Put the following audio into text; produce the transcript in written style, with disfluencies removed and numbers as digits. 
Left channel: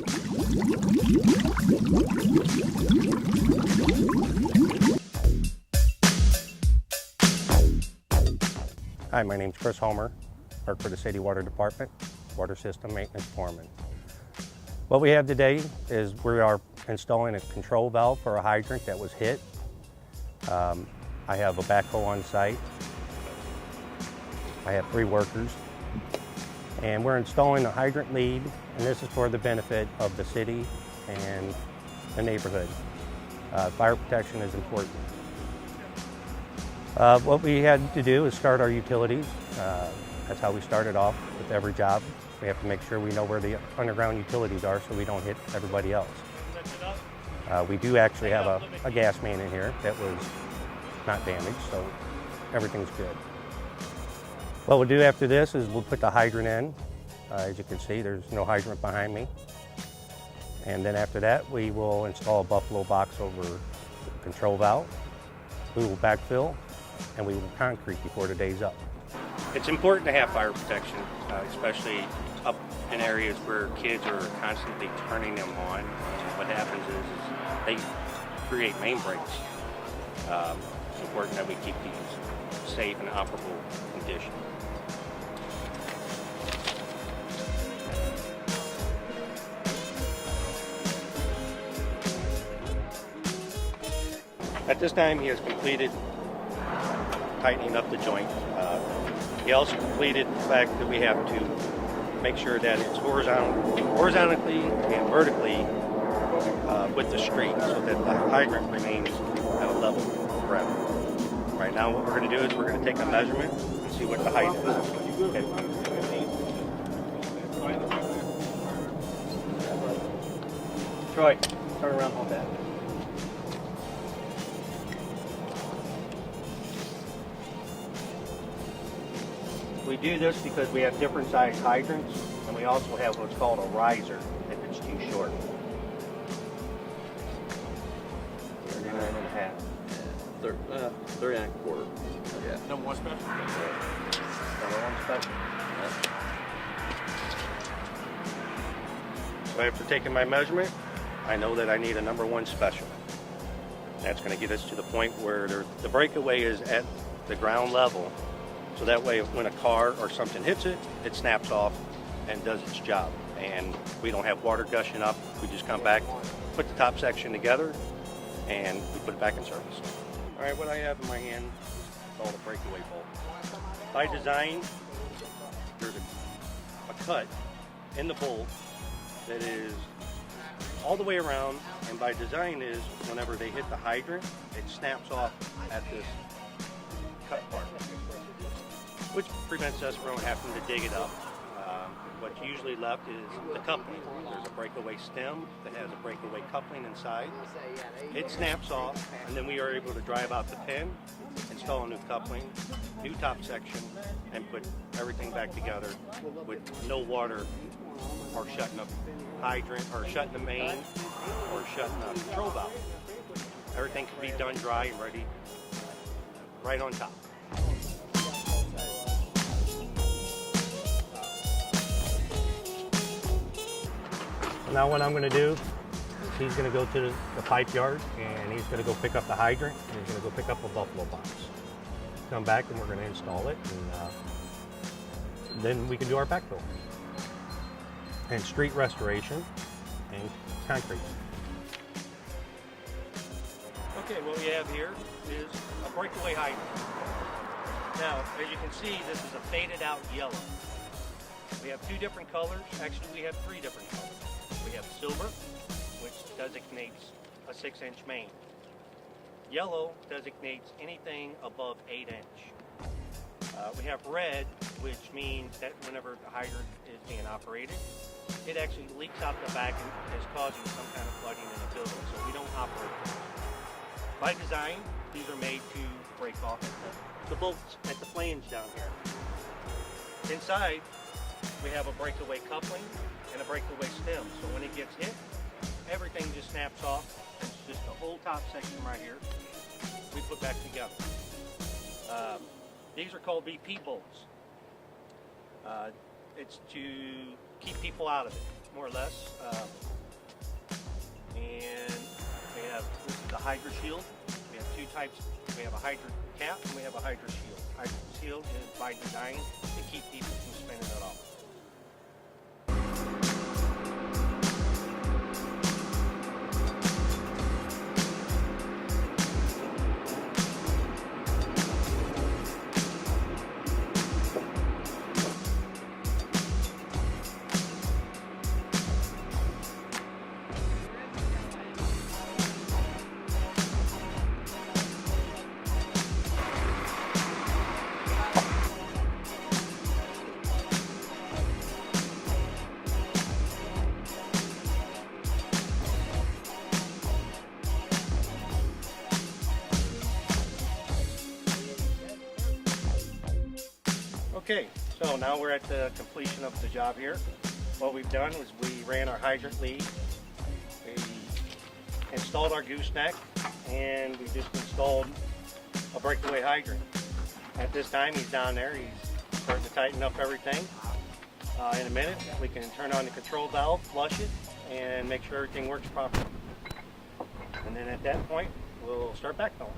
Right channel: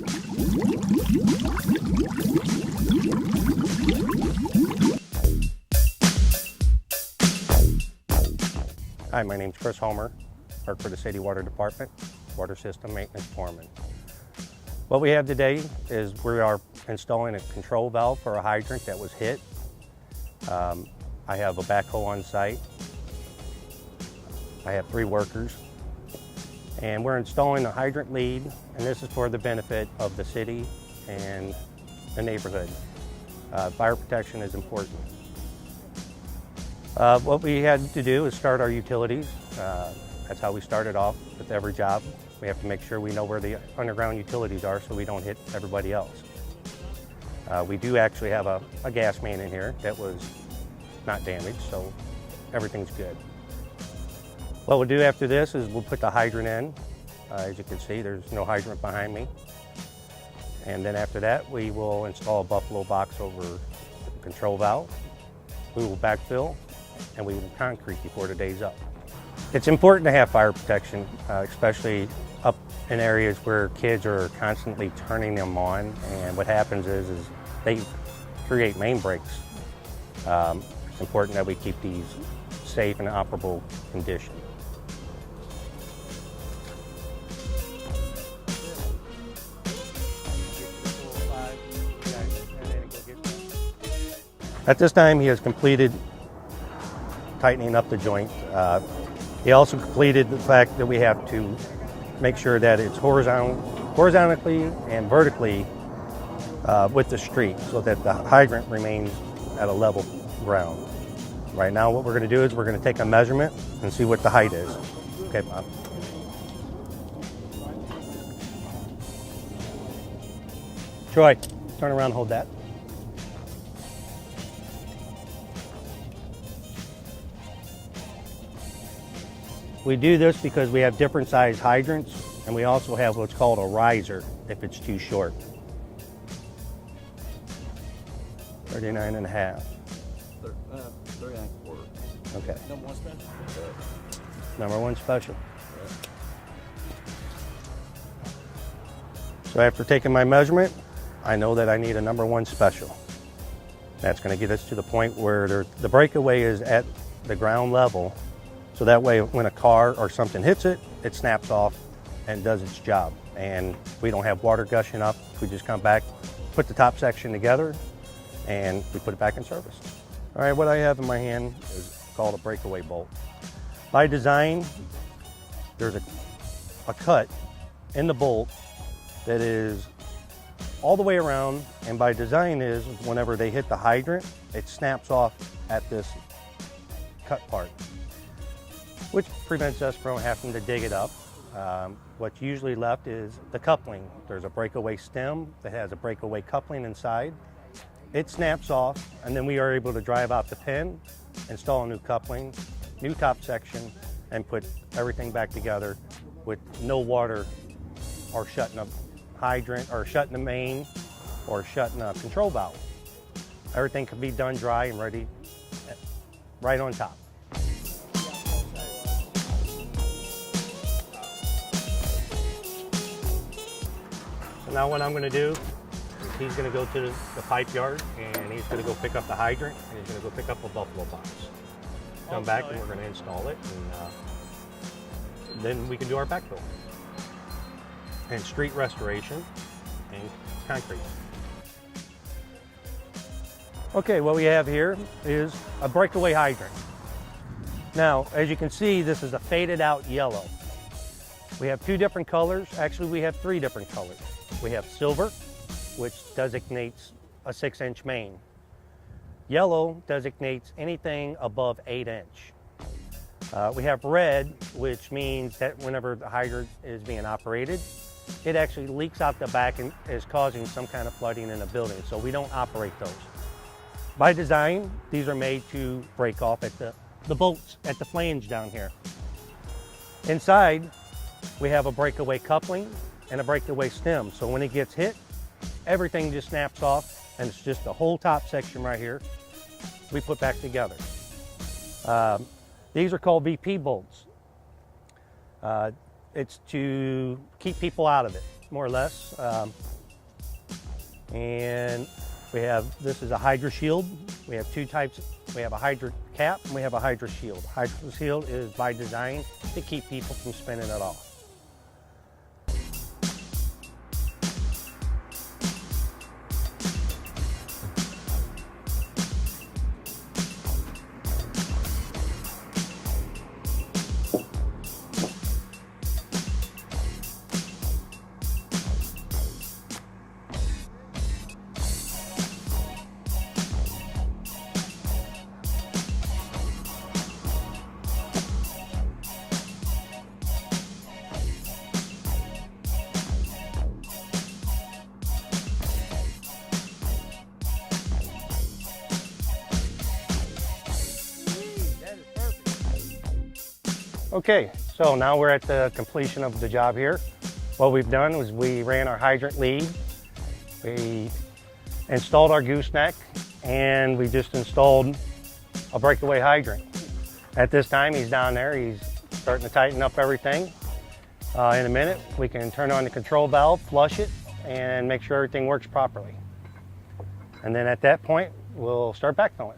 Hi, my name's Chris Homer, work for the City Water Department, Water System Maintenance Foreman. What we have today is we are installing a control valve for a hydrant that was hit. I have a backhoe on site. I have 3 workers. And we're installing a hydrant lead, and this is for the benefit of the city and the neighborhood. Fire protection is important. What we had to do is start our utilities. That's how we started off with every job. We have to make sure we know where the underground utilities are so we don't hit everybody else. We do actually have a gas main in here that was not damaged, so everything's good. What we'll do after this is we'll put the hydrant in. As you can see, there's no hydrant behind me. And then after that, we will install a buffalo box over the control valve. We will backfill, and we will concrete before the day's up. It's important to have fire protection, especially up in areas where kids are constantly turning them on, and what happens is they create main breaks. It's important that we keep these safe and operable condition. At this time, he has completed tightening up the joint. He also completed the fact that we have to make sure that it's horizontally and vertically with the street so that the hydrant remains at a level ground. Right now what we're going to do is we're going to take a measurement and see what the height is. Okay, Bob. Troy, turn around, hold that. We do this because we have different size hydrants, and we also have what's called a riser if it's too short. 39 and a half. 39 and a quarter. Okay. Number 1 special? Number 1 special. So after taking my measurement, I know that I need a number 1 special. That's going to get us to the point where the breakaway is at the ground level. So that way, when a car or something hits it, it snaps off and does its job. And we don't have water gushing up. We just come back, put the top section together, and we put it back in service. All right, what I have in my hand is called a breakaway bolt. By design, there's a cut in the bolt that is all the way around, and by design is whenever they hit the hydrant, it snaps off at this cut part, which prevents us from having to dig it up. What's usually left is the coupling. There's a breakaway stem that has a breakaway coupling inside. It snaps off, and then we are able to drive out the pin, install a new coupling, new top section, and put everything back together with no water or shutting a hydrant or shutting the main or shutting a control valve. Everything can be done dry and ready right on top. So now what I'm going to do is he's going to go to the pipe yard, and he's going to go pick up the hydrant, and he's going to go pick up a buffalo box. Come back and we're going to install it, and then we can do our backfill and street restoration and concrete. Okay, what we have here is a breakaway hydrant. Now, as you can see, this is a faded out yellow. We have 2 different colors. Actually, we have 3 different colors. We have silver, which designates a 6-inch main. Yellow designates anything above 8-inch. We have red, which means that whenever the hydrant is being operated, it actually leaks out the back and is causing some kind of flooding in a building, so we don't operate those. By design, these are made to break off at the bolts at the flange down here. Inside, we have a breakaway coupling and a breakaway stem, so when it gets hit, everything just snaps off, and it's just the whole top section right here we put back together. These are called VP bolts. It's to keep people out of it. more or less. And this is a Hydra shield. We have two types. We have a Hydra cap and we have a Hydra shield. Hydra shield is by design to keep people from spinning it off. Okay, so now we're at the completion of the job here. What we've done was we ran our hydrant lead, we installed our gooseneck, and we just installed a breakaway hydrant. At this time, he's down there, he's starting to tighten up everything. In a minute, we can turn on the control valve, flush it, and make sure everything works properly. And then at that point, we'll start backfilling.